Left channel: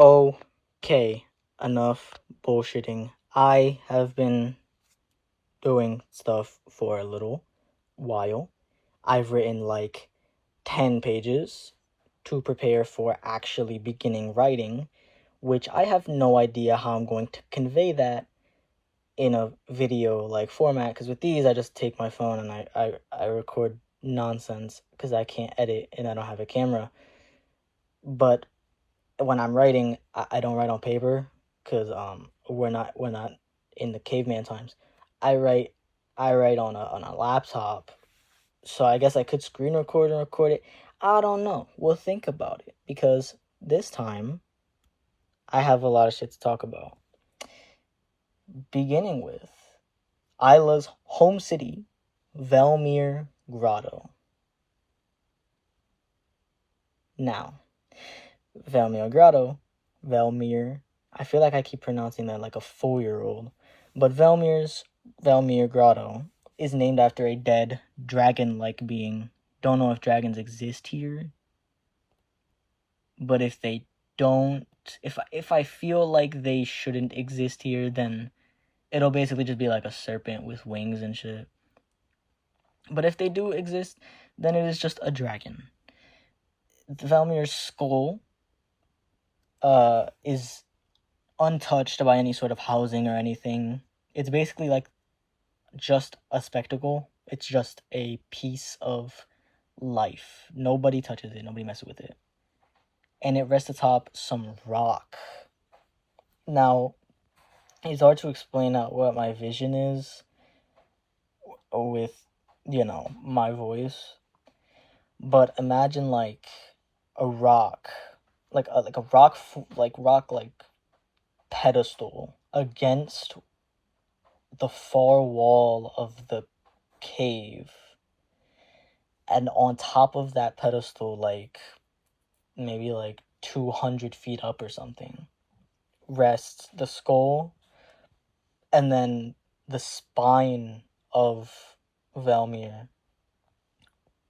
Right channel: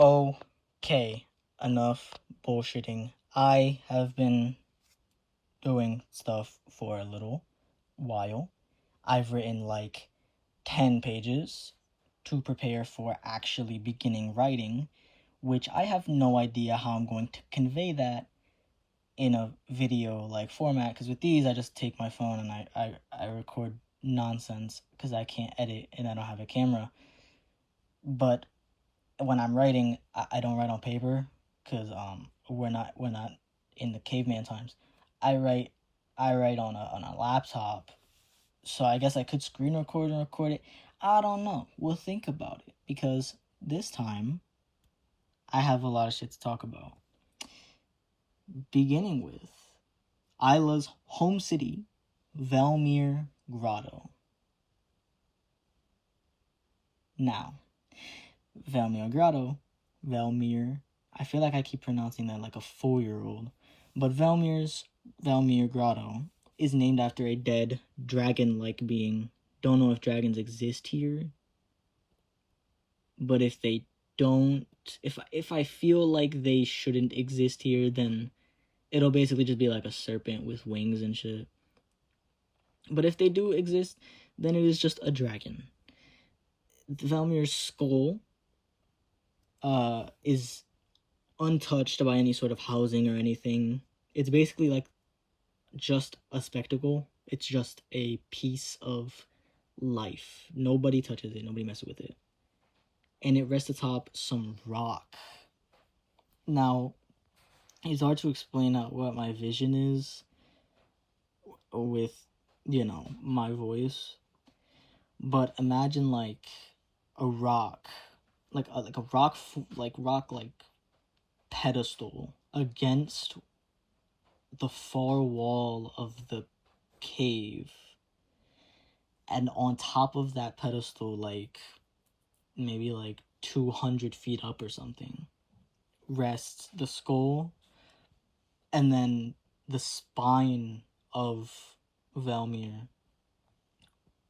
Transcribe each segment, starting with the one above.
Okay, enough bullshitting. I have been doing stuff for a little while. I've written like 10 pages to prepare for actually beginning writing, which I have no idea how I'm going to convey that in a video like format, because with these I just take my phone and I record nonsense because I can't edit and I don't have a camera. But when I'm writing, I don't write on paper because we're not in the caveman times. I write I write on a laptop, so I guess I could screen record and record it. I don't know. We'll think about it because this time I have a lot of shit to talk about. Beginning with Isla's home city, Velmyr Grotto. Now, Velmyr, I feel like I keep pronouncing that like a 4-year-old, but Velmyr Grotto is named after a dead dragon-like being. Don't know if dragons exist here, but if they don't, if I feel like they shouldn't exist here, then it'll basically just be like a serpent with wings and shit. But if they do exist, then it is just a dragon. Velmyr's skull is untouched by any sort of housing or anything. It's basically like just a spectacle. It's just a piece of life. Nobody touches it. Nobody messes with it. And it rests atop some rock. Now, it's hard to explain out what my vision is with, my voice. But imagine like a rock, like a rock pedestal against the far wall of the cave, and on top of that pedestal, like maybe like 200 feet up or something, rests the skull, and then the spine of Velmyr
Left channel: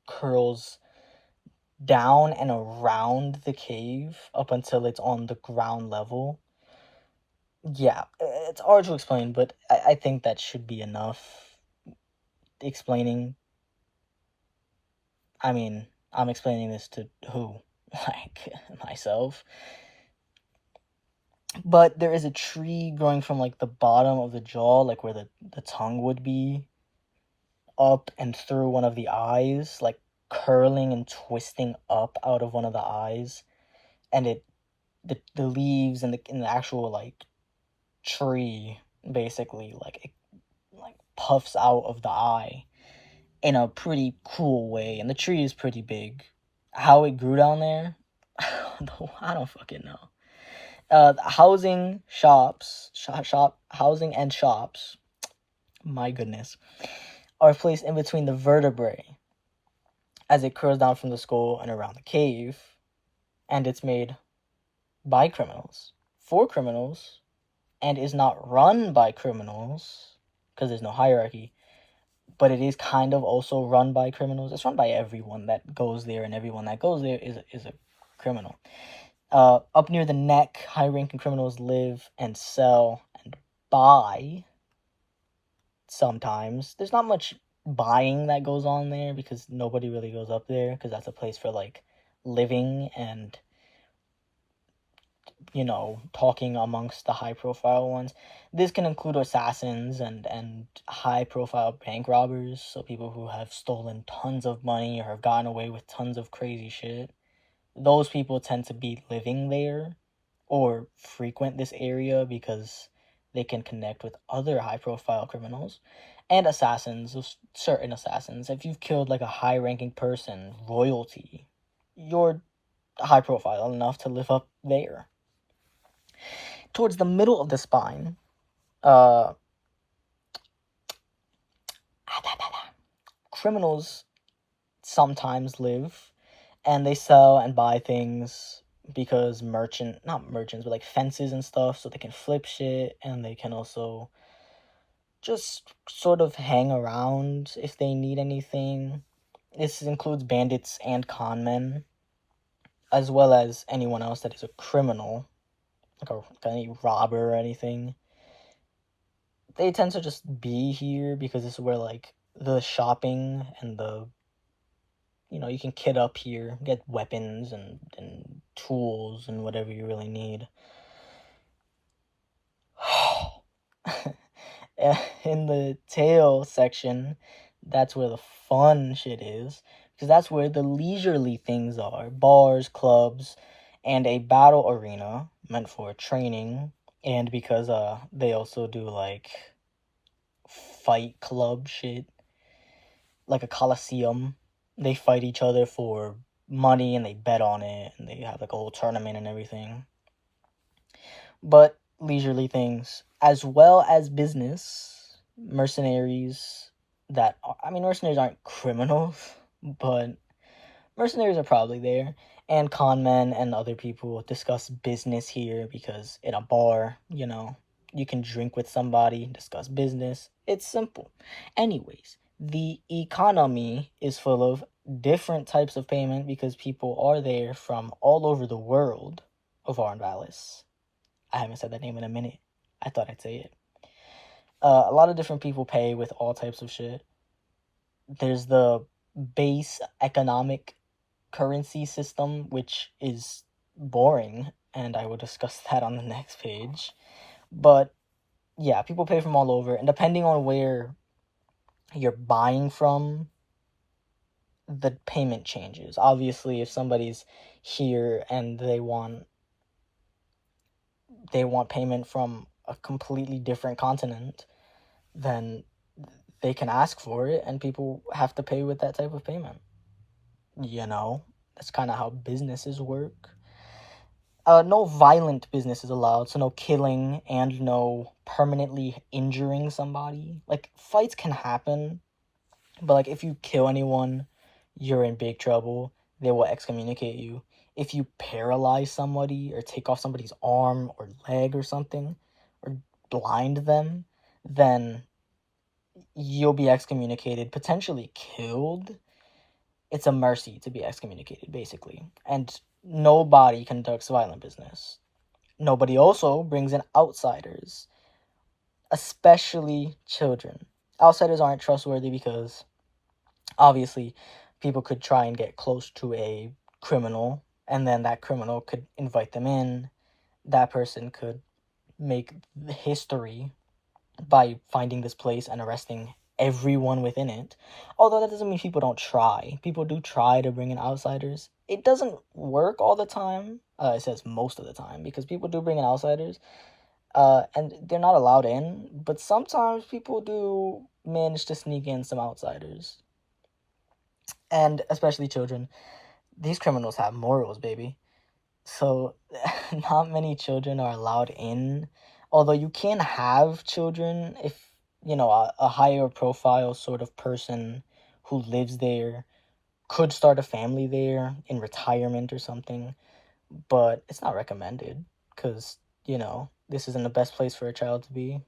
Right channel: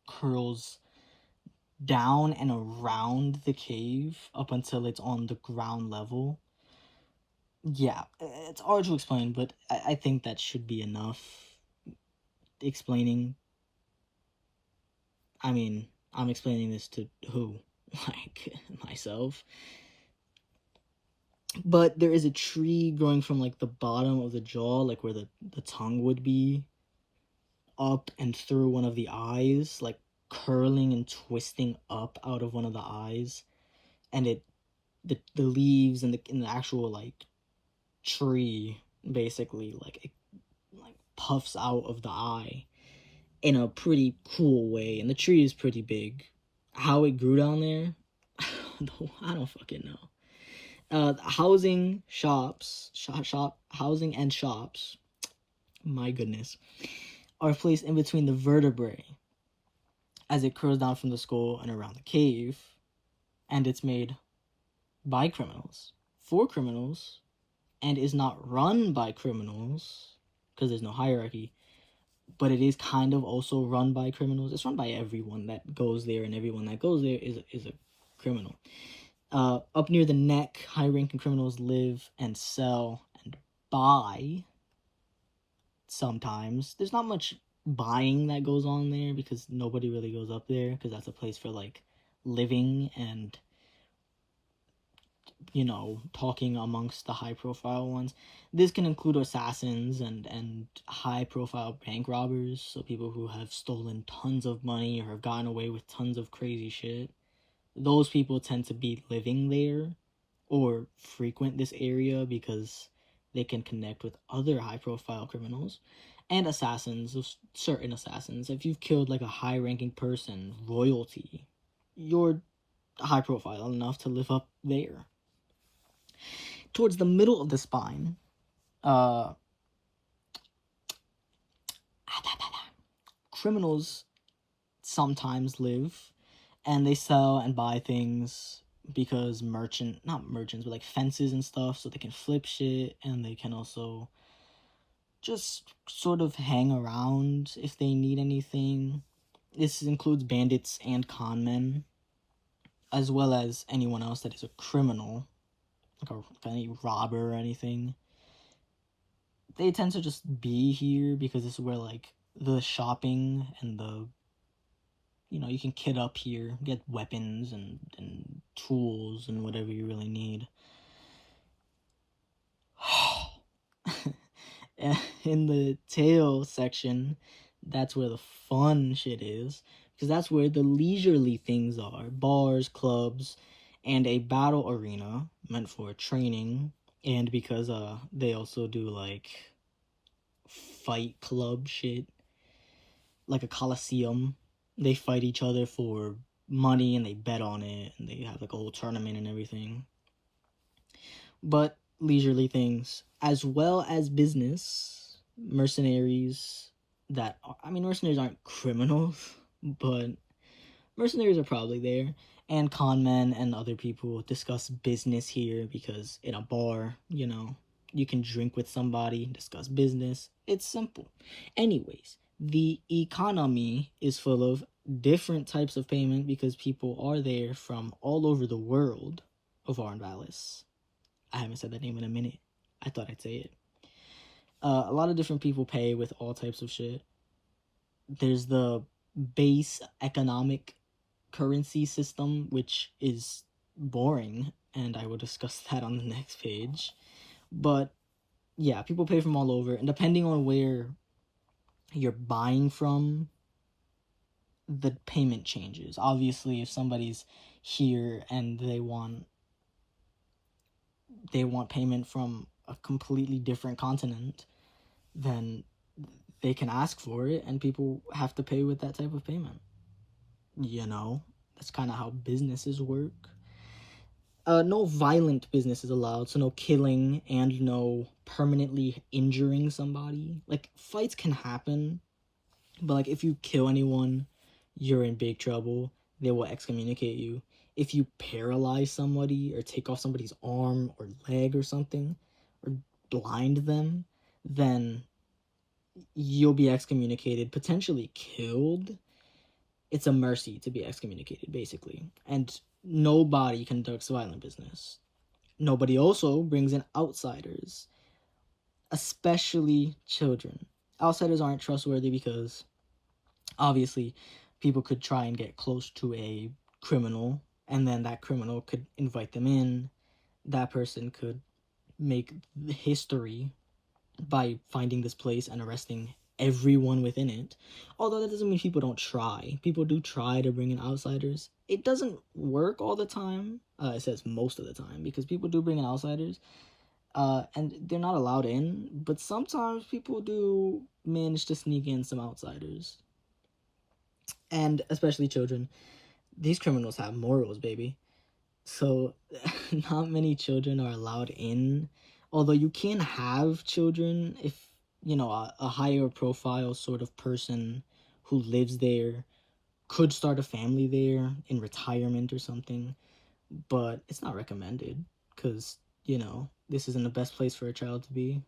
curls down and around the cave up until it's on the ground level. Yeah, it's hard to explain, but I think that should be enough explaining. I mean, I'm explaining this to who? Like, myself. But there is a tree growing from, like, the bottom of the jaw, like where the tongue would be, up and through one of the eyes, like, curling and twisting up out of one of the eyes. And the leaves and the actual, like, tree, basically, like, it, like, puffs out of the eye in a pretty cool way, and the tree is pretty big. How it grew down there, I don't fucking know. Housing and shops, my goodness, are placed in between the vertebrae as it curls down from the skull and around the cave, and it's made by criminals, for criminals, and is not run by criminals, because there's no hierarchy, but it is kind of also run by criminals. It's run by everyone that goes there, and everyone that goes there is a criminal. Up near the neck, high-ranking criminals live and sell and buy. Sometimes there's not much buying that goes on there because nobody really goes up there, because that's a place for like living and talking amongst the high-profile ones. This can include assassins and high-profile bank robbers, so people who have stolen tons of money or have gotten away with tons of crazy shit. Those people tend to be living there or frequent this area because they can connect with other high-profile criminals. And assassins, certain assassins. If you've killed like a high-ranking person, royalty, you're high-profile enough to live up there. Towards the middle of the spine, criminals sometimes live, and they sell and buy things because not merchants, but like fences and stuff, so they can flip shit, and they can also just sort of hang around if they need anything. This includes bandits and con men, as well as anyone else that is a criminal. any robber or anything. They tend to just be here because this is where like the shopping and the you can kit up here, get weapons and tools and whatever you really need. In the tail section, that's where the fun shit is, because that's where the leisurely things are: bars, clubs, and a battle arena meant for training, and because they also do like fight club shit, like a coliseum. They fight each other for money and they bet on it, and they have like a whole tournament and everything. But leisurely things as well as business, mercenaries mercenaries aren't criminals, but mercenaries are probably there, and con men and other people discuss business here because in a bar, you can drink with somebody, discuss business. It's simple. Anyways, the economy is full of different types of payment because people are there from all over the world of Arnvalis. I haven't said that name in a minute. I thought I'd say it. A lot of different people pay with all types of shit. There's the base economic currency system, which is boring, and I will discuss that on the next page. But yeah, people pay from all over, and depending on where you're buying from, the payment changes. Obviously, if somebody's here and they want payment from a completely different continent, then they can ask for it, and people have to pay with that type of payment. That's kind of how businesses work. No violent business is allowed, so no killing and no permanently injuring somebody. Like, fights can happen, but like if you kill anyone, you're in big trouble. They will excommunicate you. If you paralyze somebody or take off somebody's arm or leg or something, or blind them, then you'll be excommunicated, potentially killed. It's a mercy to be excommunicated, basically. And nobody conducts violent business. Nobody also brings in outsiders, especially children. Outsiders aren't trustworthy because obviously people could try and get close to a criminal, and then that criminal could invite them in. That person could make history by finding this place and arresting everyone within it. Although that doesn't mean people don't try. People do try to bring in outsiders. It doesn't work all the time. It says most of the time, because people do bring in outsiders, and they're not allowed in. But sometimes people do manage to sneak in some outsiders, and especially children. These criminals have morals, baby. So not many children are allowed in. Although you can have children if a higher profile sort of person who lives there could start a family there in retirement or something, but it's not recommended because this isn't the best place for a child to be.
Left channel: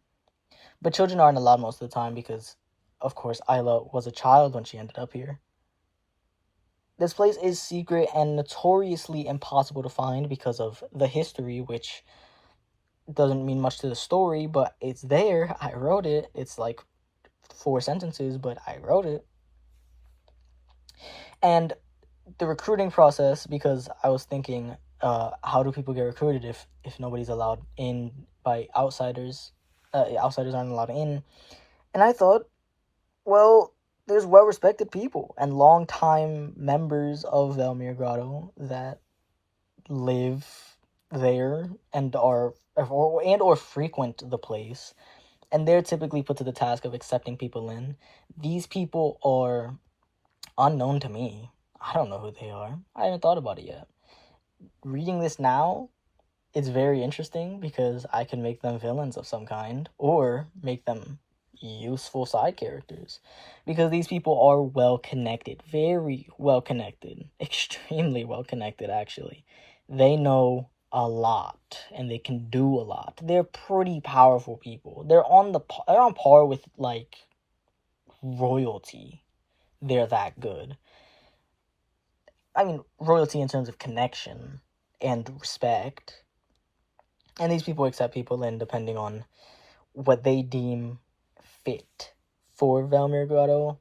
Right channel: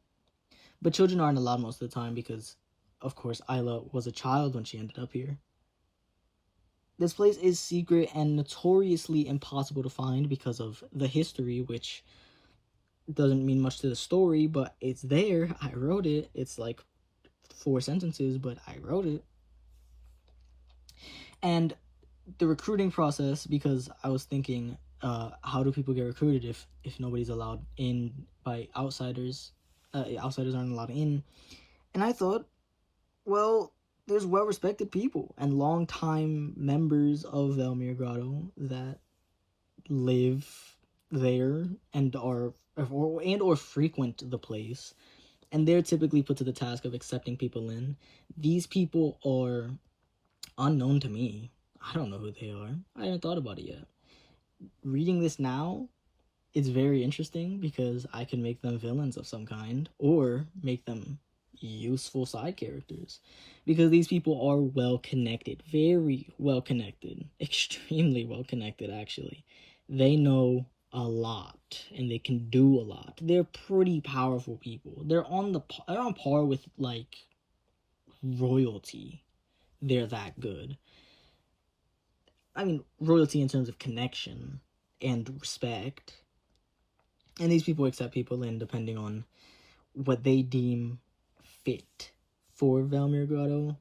But children aren't allowed most of the time because, of course, Isla was a child when she ended up here. This place is secret and notoriously impossible to find because of the history, which doesn't mean much to the story, but it's there. I wrote it. It's like 4 sentences, but I wrote it. And the recruiting process, because I was thinking, how do people get recruited if nobody's allowed in by outsiders? Outsiders aren't allowed in. And I thought, well, there's well-respected people and long-time members of Velmyr Grotto that live there and or frequent the place, and they're typically put to the task of accepting people in. These people are unknown to me. I don't know who they are. I haven't thought about it yet. Reading this now, it's very interesting because I can make them villains of some kind or make them useful side characters, because these people are well connected, very well connected, extremely well connected actually. They know a lot and they can do a lot. They're pretty powerful people. They're on par with like royalty. They're that good. I mean, royalty in terms of connection and respect. And these people accept people in depending on what they deem fit for Velmyr Grotto.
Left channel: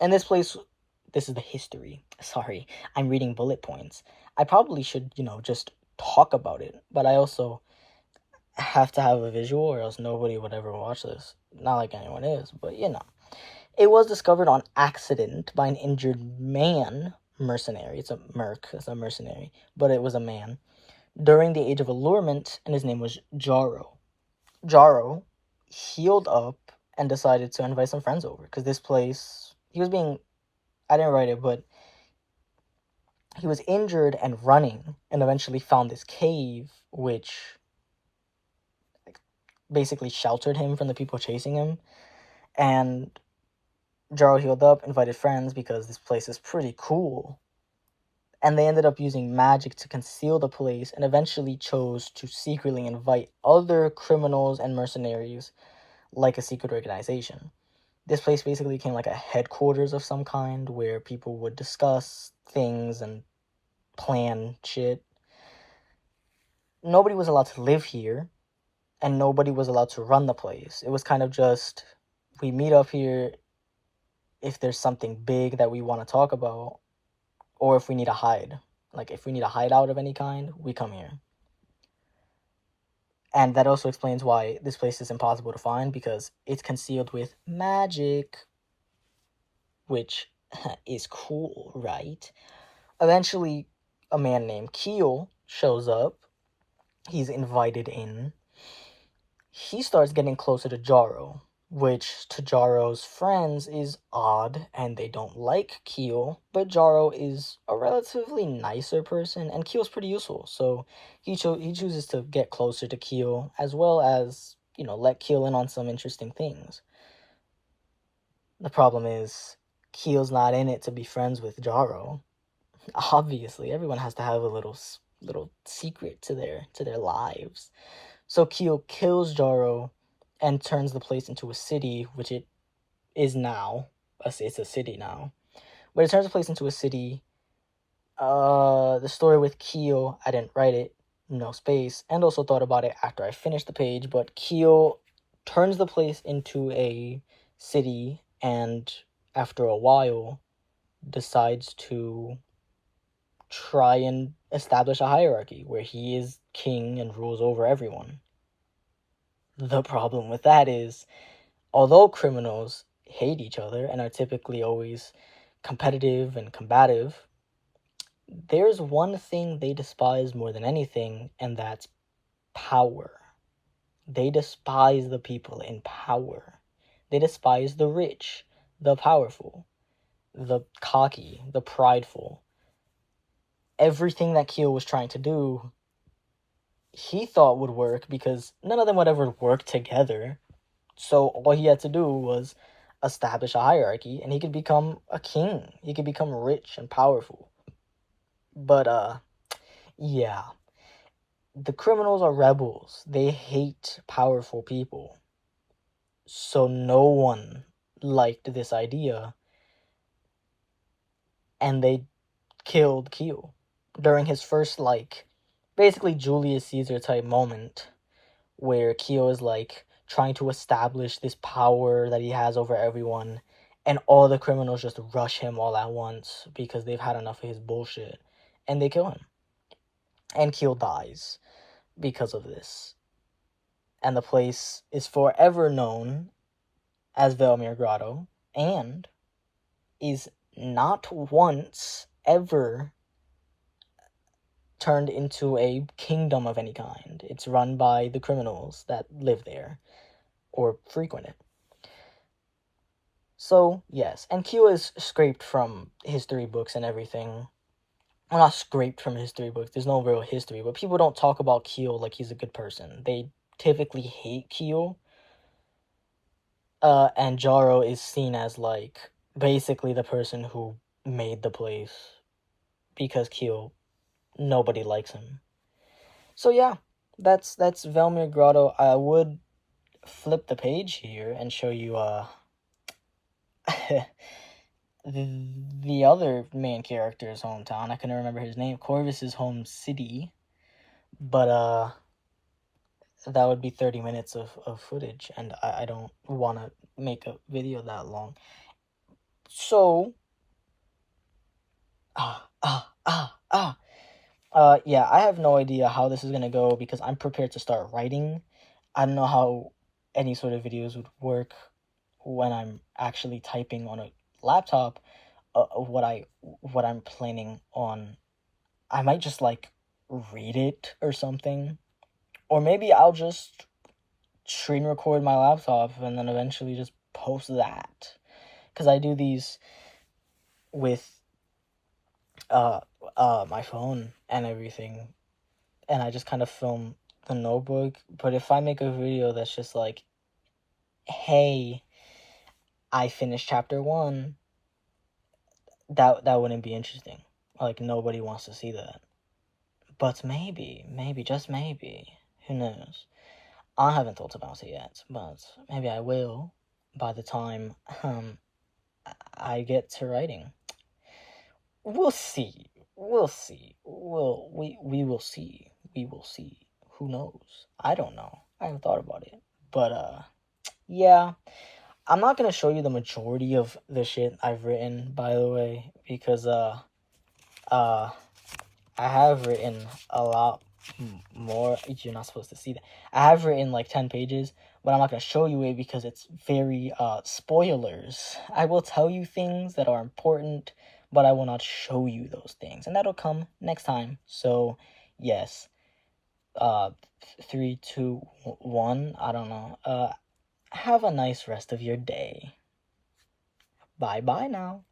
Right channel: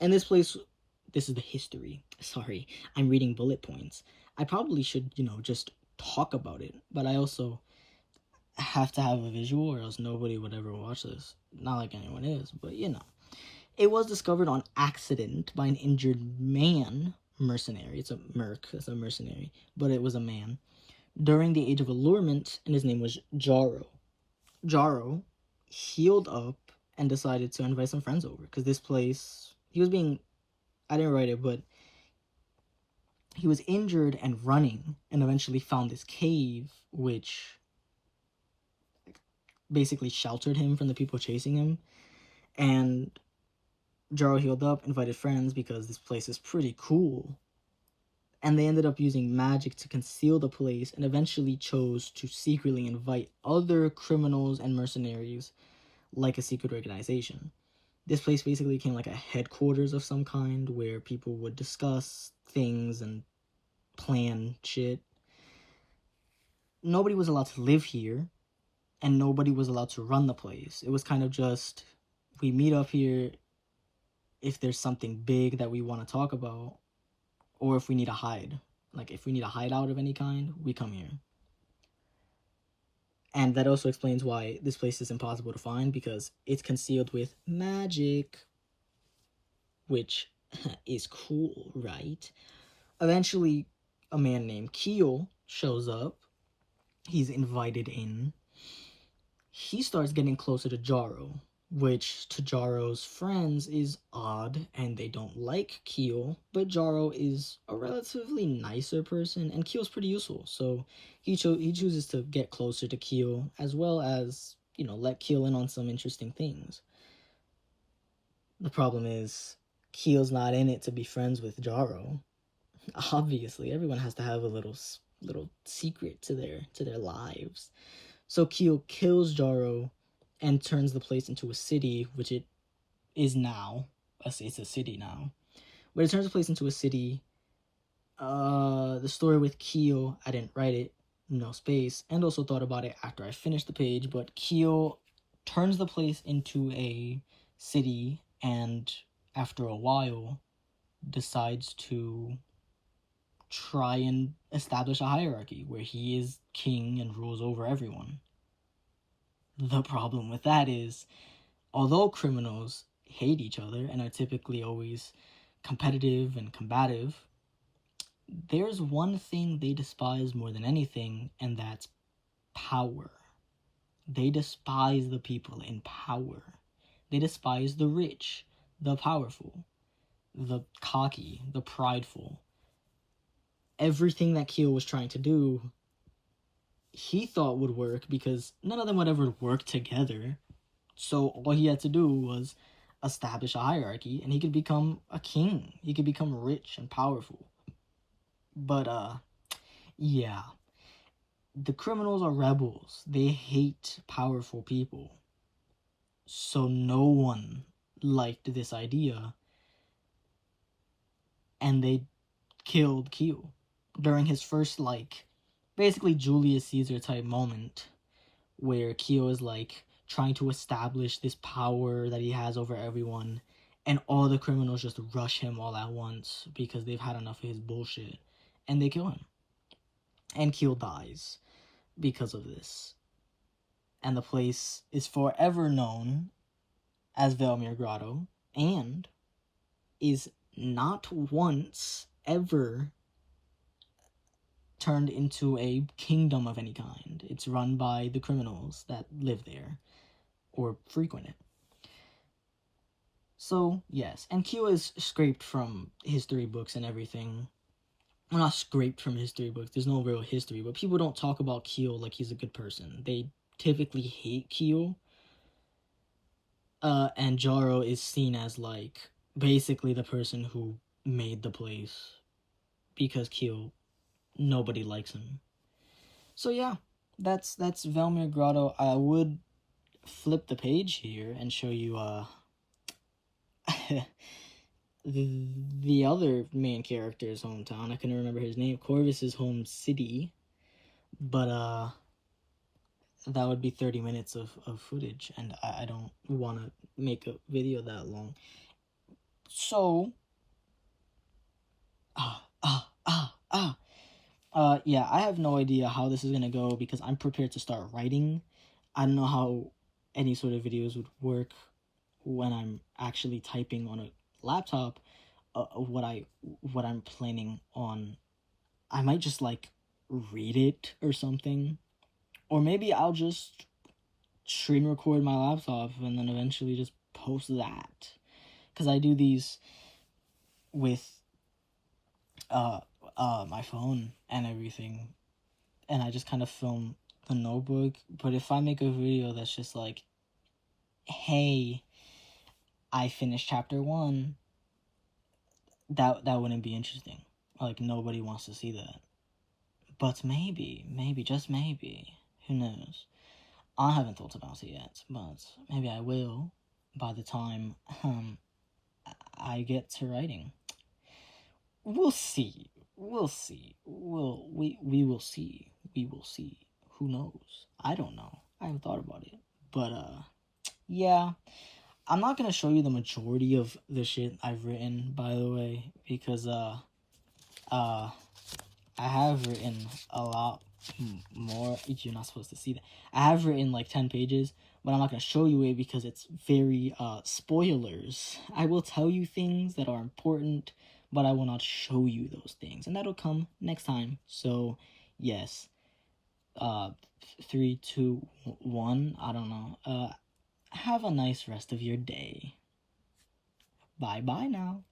And this place, this is the history. Sorry, I'm reading bullet points. I probably should, just talk about it, but I also have to have a visual or else nobody would ever watch this. Not like anyone is, but It was discovered on accident by an injured man, mercenary. It's a merc, it's a mercenary, but it was a man, during the Age of Allurement, and his name was Jarro. Jarro healed up and decided to invite some friends over, because this place, I didn't write it, but he was injured and running, and eventually found this cave, which basically sheltered him from the people chasing him. And Jarro healed up, invited friends because this place is pretty cool. And they ended up using magic to conceal the place, and eventually chose to secretly invite other criminals and mercenaries like a secret organization. This place basically became like a headquarters of some kind where people would discuss things and plan shit. Nobody was allowed to live here, and nobody was allowed to run the place. It was kind of just, we meet up here if there's something big that we want to talk about, or if we need to hide. Like, if we need a hideout of any kind, we come here. And that also explains why this place is impossible to find, because it's concealed with magic, which is cool, right? Eventually, a man named Keel shows up. He's invited in. He starts getting closer to Jarro, which to Jarro's friends is odd, and they don't like Keel, but Jarro is a relatively nicer person, and Keel's pretty useful, so he chooses to get closer to Keel, as well as, let Keel in on some interesting things. The problem is, Keel's not in it to be friends with Jarro. Obviously, everyone has to have a little secret to their lives. So Keel kills Jarro and turns the place into a city, which it is now. It's a city now. But it turns the place into a city. The story with Keel, I didn't write it, no space, and also thought about it after I finished the page, but Keel turns the place into a city, and after a while decides to try and establish a hierarchy where he is king and rules over everyone. The problem with that is, although criminals hate each other and are typically always competitive and combative, there's one thing they despise more than anything, and that's power. They despise the people in power. They despise the rich, the powerful, the cocky, the prideful. Everything that Keel was trying to do, he thought would work because none of them would ever work together. So all he had to do was establish a hierarchy, and he could become a king. He could become rich and powerful. But yeah. The criminals are rebels. They hate powerful people. So no one liked this idea, and they killed Keel during his first, basically Julius Caesar type moment, where Keel is trying to establish this power that he has over everyone, and all the criminals just rush him all at once because they've had enough of his bullshit, and they kill him. And Keel dies because of this. And the place is forever known as Velmyr Grotto, and is not once ever turned into a kingdom of any kind. It's run by the criminals that live there or frequent it. So, yes, and Q is scraped from history books and everything. Well, not scraped from history books, there's no real history, but people don't talk about Keel like he's a good person. They typically hate Keel. And Jarro is seen as basically the person who made the place, because Keel, nobody likes him. So yeah, that's Velmyr Grotto. I would flip the page here and show you the other main character's hometown. I couldn't remember his name. Corvus's home city. But that would be 30 minutes of footage, and I don't want to make a video that long. So, yeah, I have no idea how this is gonna go because I'm prepared to start writing. I don't know how any sort of videos would work when I'm actually typing on a laptop. What I'm planning on, I might just like read it or something, or maybe I'll just screen record my laptop and then eventually just post that, because I do these with my phone and everything, and I just kind of film the notebook. But if I make a video that's just like, hey, I finished chapter 1, that wouldn't be interesting. Like, nobody wants to see that. But maybe, just maybe, who knows? I haven't thought about it yet, but maybe I will by the time I get to writing. We'll see. We'll see. We will see. We will see. Who knows? I don't know. I haven't thought about it. But yeah. I'm not gonna show you the majority of the shit I've written, by the way, because I have written a lot more. You're not supposed to see that. I have written like 10 pages, but I'm not gonna show you it because it's very spoilers. I will tell you things that are important, but I will not show you those things, and that'll come next time. So yes, 3, 2, 1. I don't know. Have a nice rest of your day. Bye bye now.